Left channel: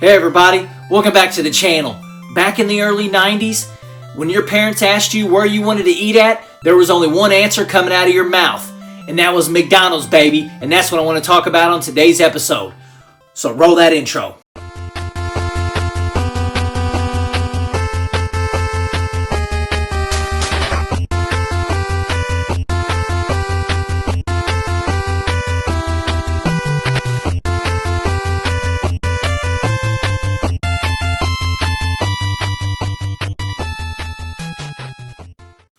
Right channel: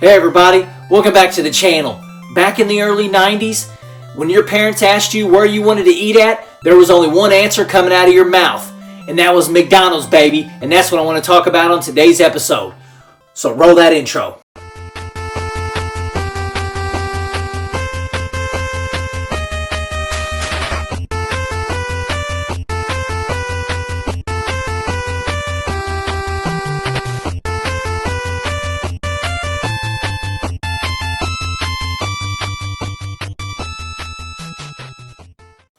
Hey everybody, welcome back to the channel. Back in the early 90s, when your parents asked you where you wanted to eat at, there was only one answer coming out of your mouth, and that was McDonald's, baby, and that's what I want to talk about on today's episode. So roll that intro.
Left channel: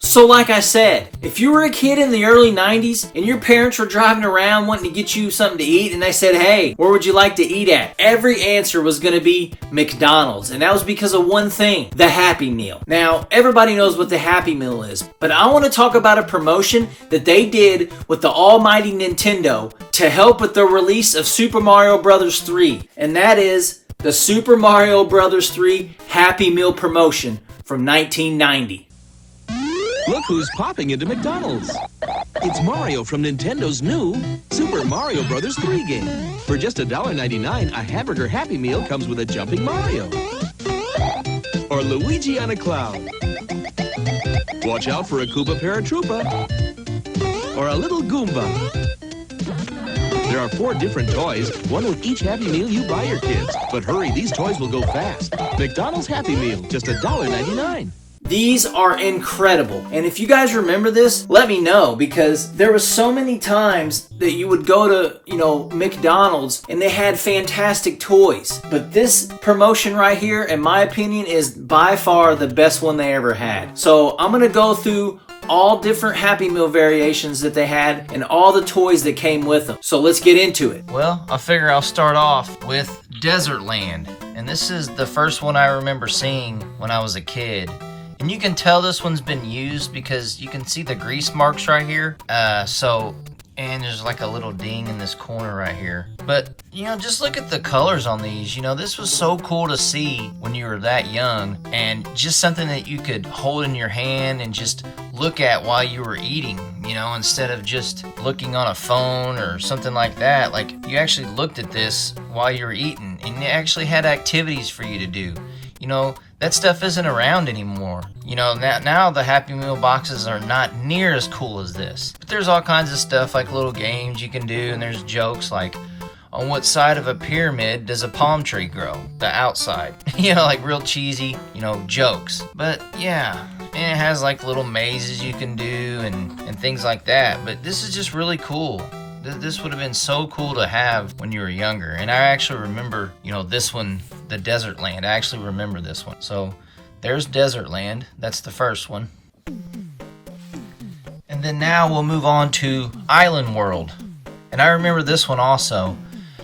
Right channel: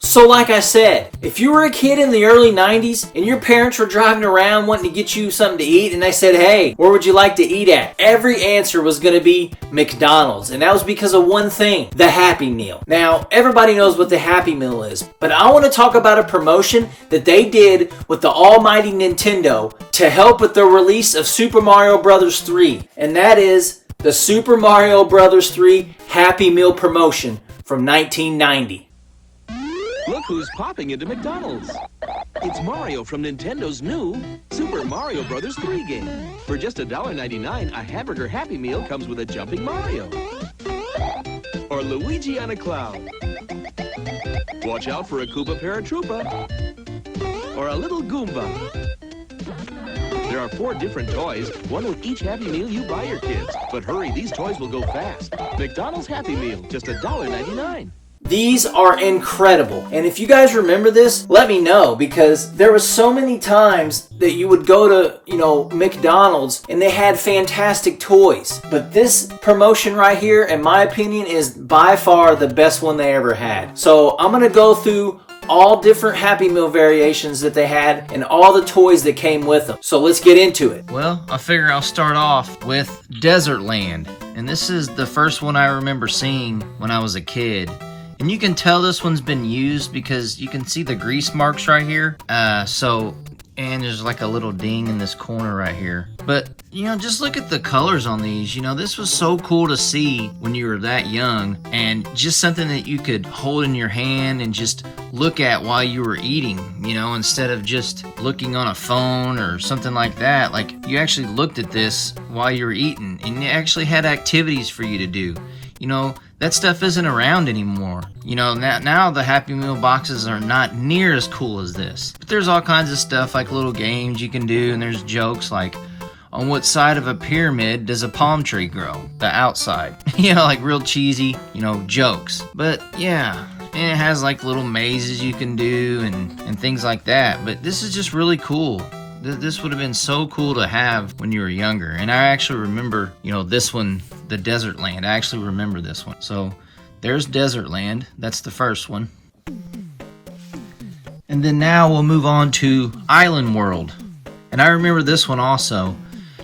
So like I said, if you were a kid in the early 90s and your parents were driving around wanting to get you something to eat and they said, hey, where would you like to eat at? Every answer was going to be McDonald's. And that was because of one thing, the Happy Meal. Now, everybody knows what the Happy Meal is, but I want to talk about a promotion that they did with the almighty Nintendo to help with the release of Super Mario Bros. 3. And that is the Super Mario Bros. 3 Happy Meal promotion from 1990. Look who's popping into McDonald's. It's Mario from Nintendo's new Super Mario Bros. 3 game. For just $1.99, a hamburger Happy Meal comes with a jumping Mario. Or Luigi on a cloud. Watch out for a Koopa Paratroopa. Or a little Goomba. There are 4 different toys, one with each Happy Meal you buy your kids. But hurry, these toys will go fast. McDonald's Happy Meal, just $1.99. These are incredible. And if you guys remember this, let me know, because there were so many times that you would go to, McDonald's and they had fantastic toys. But this promotion right here, in my opinion, is by far the best one they ever had. So I'm going to go through all different Happy Meal variations that they had and all the toys that came with them. So let's get into it. Well, I figure I'll start off with Desert Land. And this is the first one I remember seeing when I was a kid. And you can tell this one's been used because you can see the grease marks right here. And there's like a little ding in this corner right here. But, just look at the colors on these. This was so cool to see when you were that young. And just something that you could hold in your hand and just look at while you were eating, instead of just looking on a phone or something like that. Like, you actually looked at this while you were eating. And it actually had activities for you to do. That stuff isn't around anymore. Now the Happy Meal boxes are not near as cool as this. But there's all kinds of stuff like little games you can do, and there's jokes like, on what side of a pyramid does a palm tree grow? The outside. Like real cheesy, jokes. But yeah, and it has like little mazes you can do and things like that. But this is just really cool. This would have been so cool to have when you were younger. And I actually remember, this one, the Desert Land. I actually remember this one. So there's Desert Land. That's the first one. And then now we'll move on to Island World. And I remember this one also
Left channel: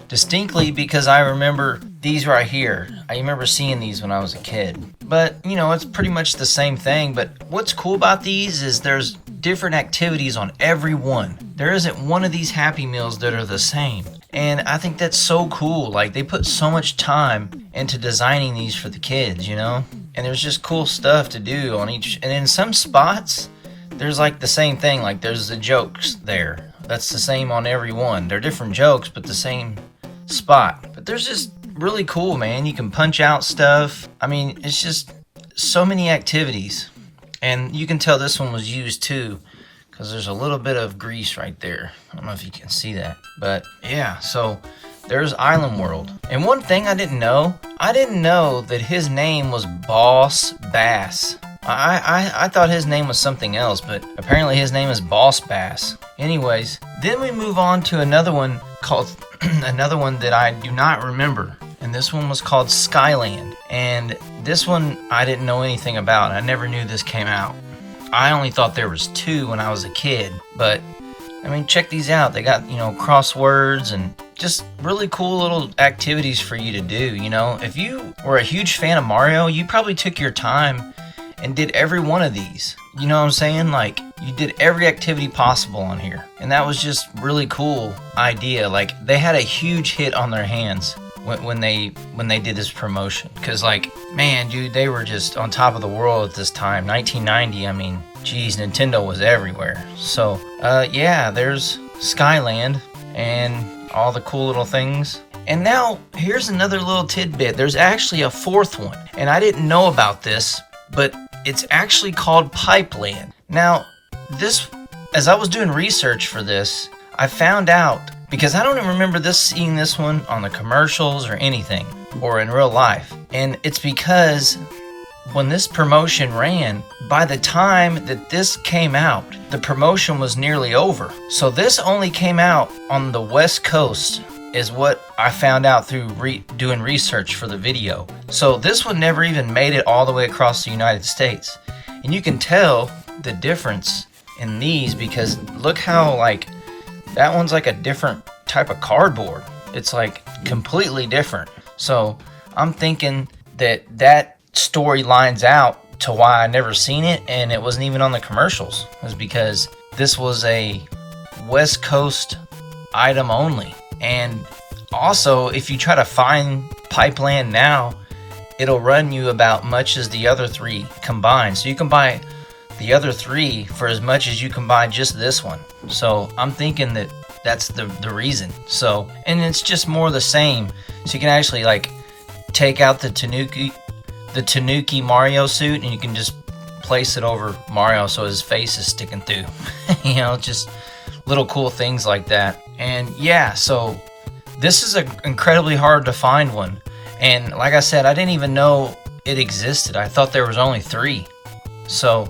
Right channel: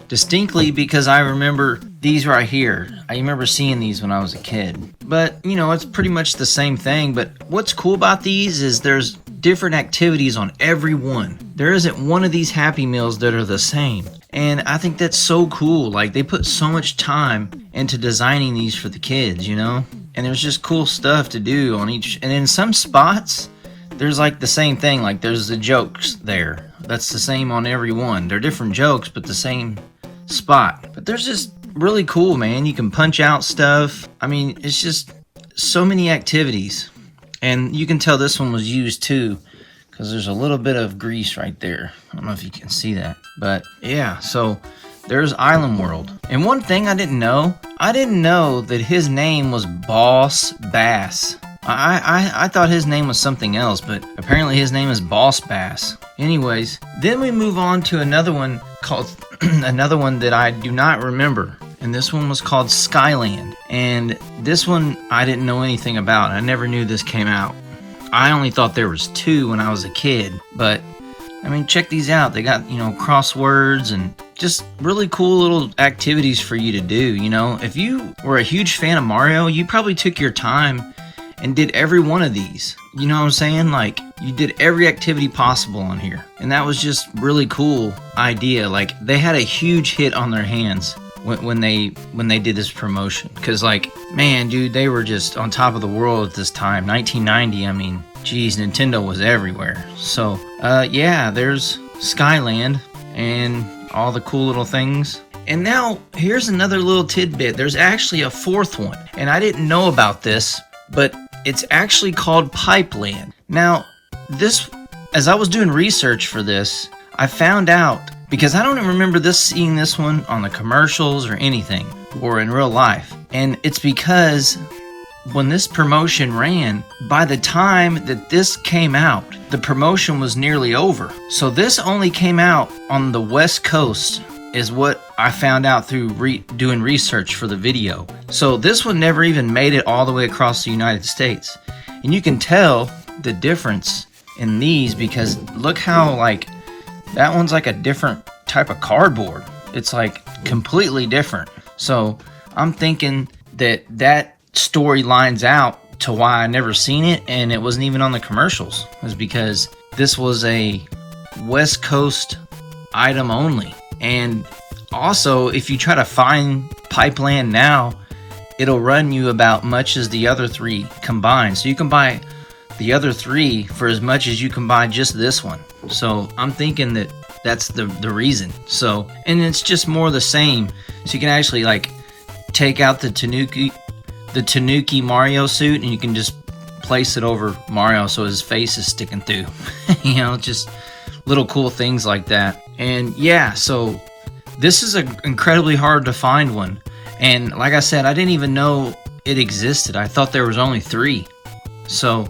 distinctly because I remember these right here. I remember seeing these when I was a kid. But, it's pretty much the same thing. But what's cool about these is there's different activities on every one. There isn't one of these Happy Meals that are the same. And I think that's so cool. Like, they put so much time into designing these for the kids, And there's just cool stuff to do on each. And in some spots, there's like the same thing. Like, there's the jokes there. That's the same on every one. They're different jokes, but the same spot. But there's just really cool, man. You can punch out stuff. I mean, it's just so many activities. And you can tell this one was used too, because there's a little bit of grease right there. I don't know if you can see that. But yeah, so there's Island World. And one thing I didn't know that his name was Boss Bass. I thought his name was something else, but apparently his name is Boss Bass. Anyways, then we move on to another one called another one that I do not remember. And this one was called Skyland. And this one I didn't know anything about. I never knew this came out. I only thought there was 2 when I was a kid. But, check these out. They got, crosswords and just really cool little activities for you to do, If you were a huge fan of Mario, you probably took your time and did every one of these. You know what I'm saying? Like, you did every activity possible on here. And that was just really cool idea. Like, they had a huge hit on their hands when they did this promotion. Because, like, man, dude, they were just on top of the world at this time. 1990, geez, Nintendo was everywhere. So, yeah, there's Skyland and all the cool little things. And now here's another little tidbit. There's actually a fourth one, and I didn't know about this, but it's actually called Pipeland. Now, this, as I was doing research for this, I found out, because I don't even remember seeing this one on the commercials or anything, or in real life. And it's because when this promotion ran, by the time that this came out, the promotion was nearly over. So this only came out on the West Coast, is what I found out through doing research for the video. So this one never even made it all the way across the United States. And you can tell the difference in these, because look how, like, that one's like a different type of cardboard. It's like completely different. So I'm thinking that story lines out to why I never seen it, and it wasn't even on the commercials. It was because this was a West Coast item only. And also, if you try to find Pipeland now, it'll run you about much as the other three combined. So you can buy the other three for as much as you can buy just this one. So I'm thinking that that's the reason. So, and it's just more the same. So you can actually like take out the Tanuki Mario suit, and you can just place it over Mario so his face is sticking through. You know, just little cool things like that. And yeah, so this is an incredibly hard to find one. And like I said, I didn't even know it existed. I thought there was only 3. So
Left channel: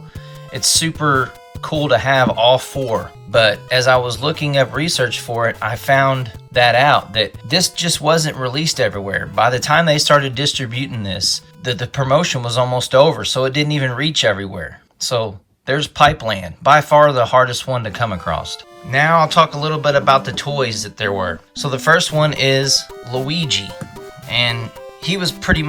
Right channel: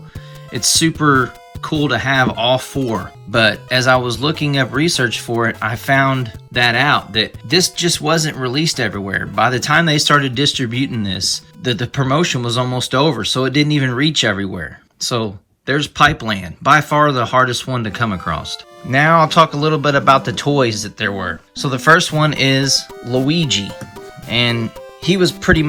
it's super cool to have all 4. But as I was looking up research for it, I found that out, that this just wasn't released everywhere. By the time they started distributing this, the promotion was almost over, so it didn't even reach everywhere. So there's Pipeland, by far the hardest one to come across. Now I'll talk a little bit about the toys that there were. So the first one is Luigi, and he was pretty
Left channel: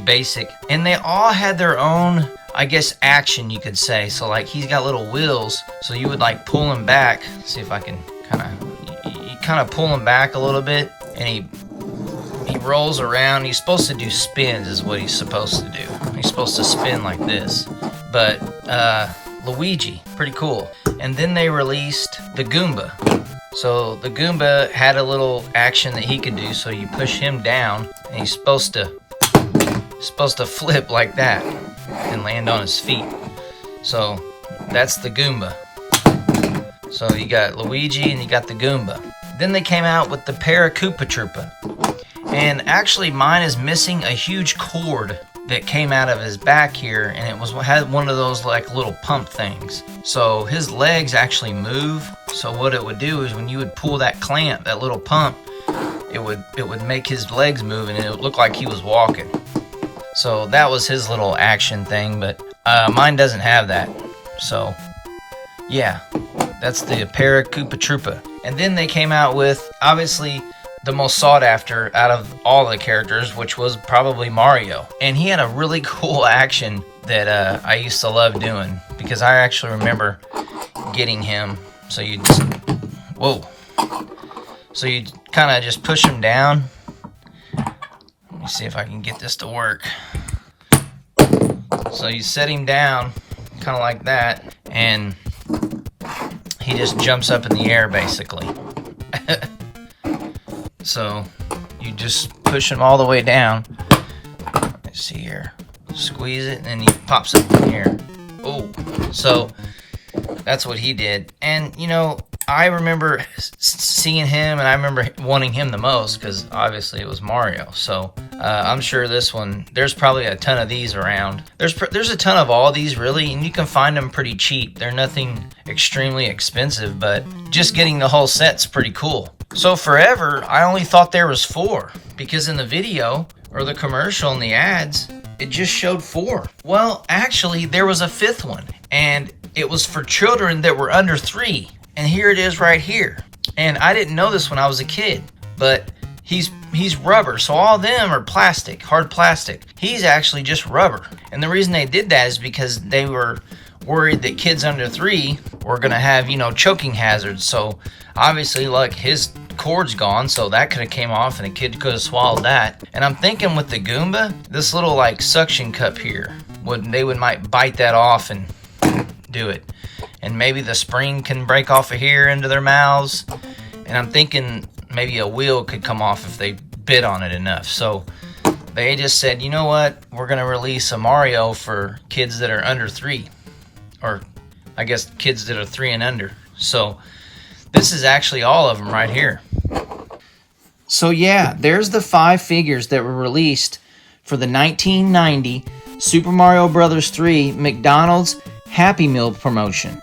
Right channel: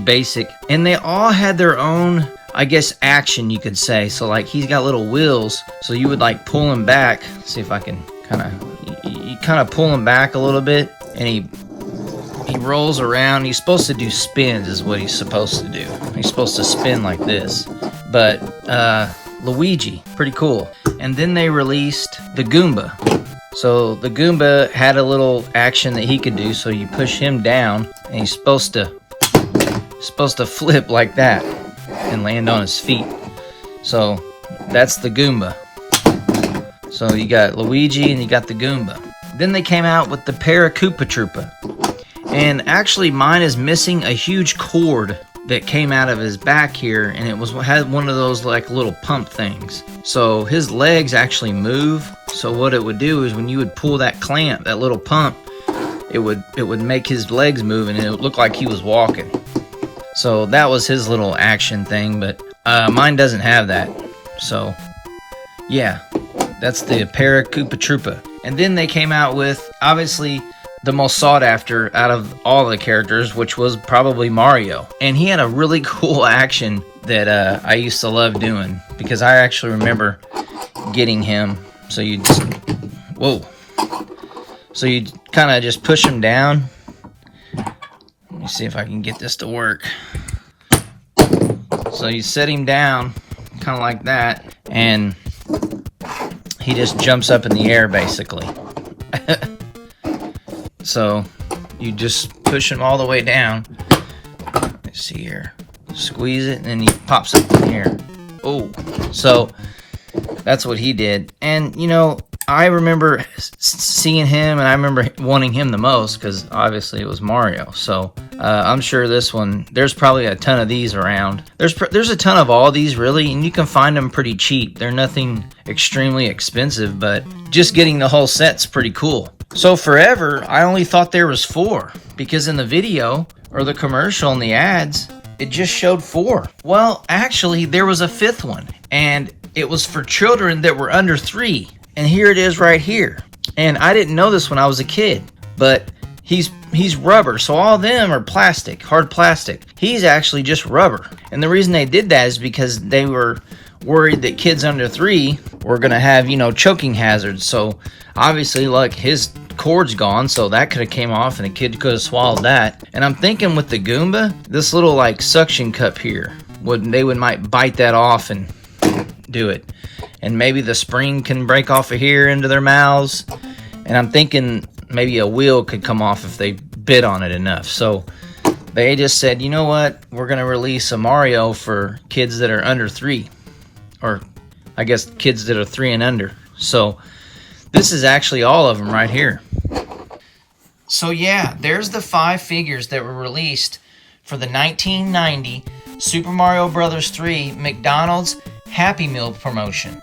basic, and they all had their own, I guess, action, you could say. So like he's got little wheels, so you would like pull him back. See if I can you kind of pull him back a little bit, and he rolls around. He's supposed to do spins is what he's supposed to do. He's supposed to spin like this. But Luigi, pretty cool. And then they released the Goomba. So the Goomba had a little action that he could do. So you push him down, and he's supposed to flip like that and land on his feet. So that's the Goomba. So you got Luigi and you got the Goomba. Then they came out with the Koopa Troopa. And actually mine is missing a huge cord that came out of his back here, and it had one of those like little pump things. So his legs actually move. So what it would do is when you would pull that clamp, that little pump, it would make his legs move, and it would look like he was walking. So that was his little action thing, but mine doesn't have that. So yeah, that's the Koopa Troopa. And then they came out with, obviously, the most sought after out of all the characters, which was probably Mario. And he had a really cool action that I used to love doing, because I actually remember getting him. So you just, whoa. So you kind of just push him down. Let me see if I can get this to work. So you set him down, kind of like that, and he just jumps up in the air, basically. So you just push him all the way down. Let's see here. Squeeze it, and then he pops up in the air. Oh, so that's what he did. And, you know, I remember seeing him, and I remember wanting him the most, because obviously it was Mario. So I'm sure this one, there's probably a ton of these around. There's a ton of all these, really, and you can find them pretty cheap. They're nothing extremely expensive, but just getting the whole set's pretty cool. So forever, I only thought there was 4, because in the video, or the commercial and the ads, it just showed 4. Well, actually, there was a 5th one, and it was for children that were under 3. And here it is right here. And I didn't know this when I was a kid, but he's rubber, so all of them are plastic, hard plastic. He's actually just rubber. And the reason they did that is because they were worried that kids under 3 were gonna have, you know, choking hazards. So obviously, like, his cord's gone, so that could have came off and a kid could have swallowed that. And I'm thinking with the Goomba, this little like suction cup here, might bite that off and do it. And maybe the spring can break off of here into their mouths. And I'm thinking maybe a wheel could come off if they bid on it enough. So they just said, you know what, we're going to release a Mario for kids that are under 3, or I guess kids that are 3 and under. So this is actually all of them right here. So yeah, there's the 5 figures that were released for the 1990 Super Mario Bros. 3 McDonald's Happy Meal promotion.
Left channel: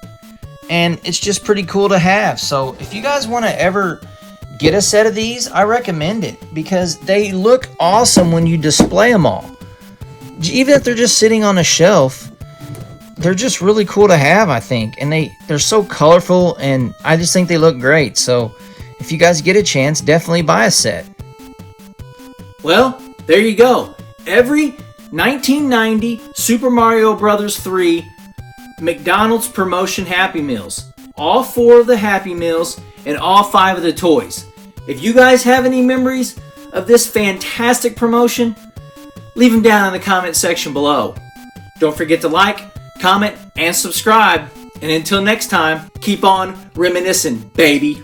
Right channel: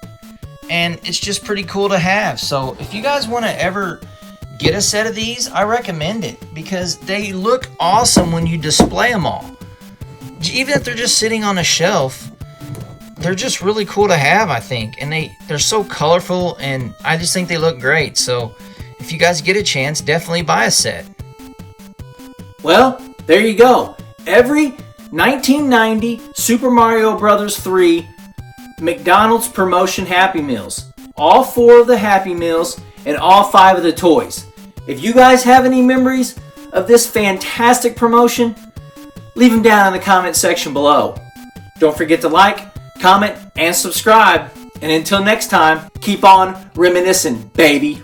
And it's just pretty cool to have. So if you guys want to ever get a set of these, I recommend it because they look awesome when you display them all. Even if they're just sitting on a shelf, they're just really cool to have, I think. And they're so colorful, and I just think they look great. So if you guys get a chance, definitely buy a set. Well, there you go. Every 1990 Super Mario Bros. 3 McDonald's promotion Happy Meals. All 4 of the Happy Meals and all 5 of the toys. If you guys have any memories of this fantastic promotion, leave them down in the comment section below. Don't forget to like, comment, and subscribe. And until next time, keep on reminiscing, baby.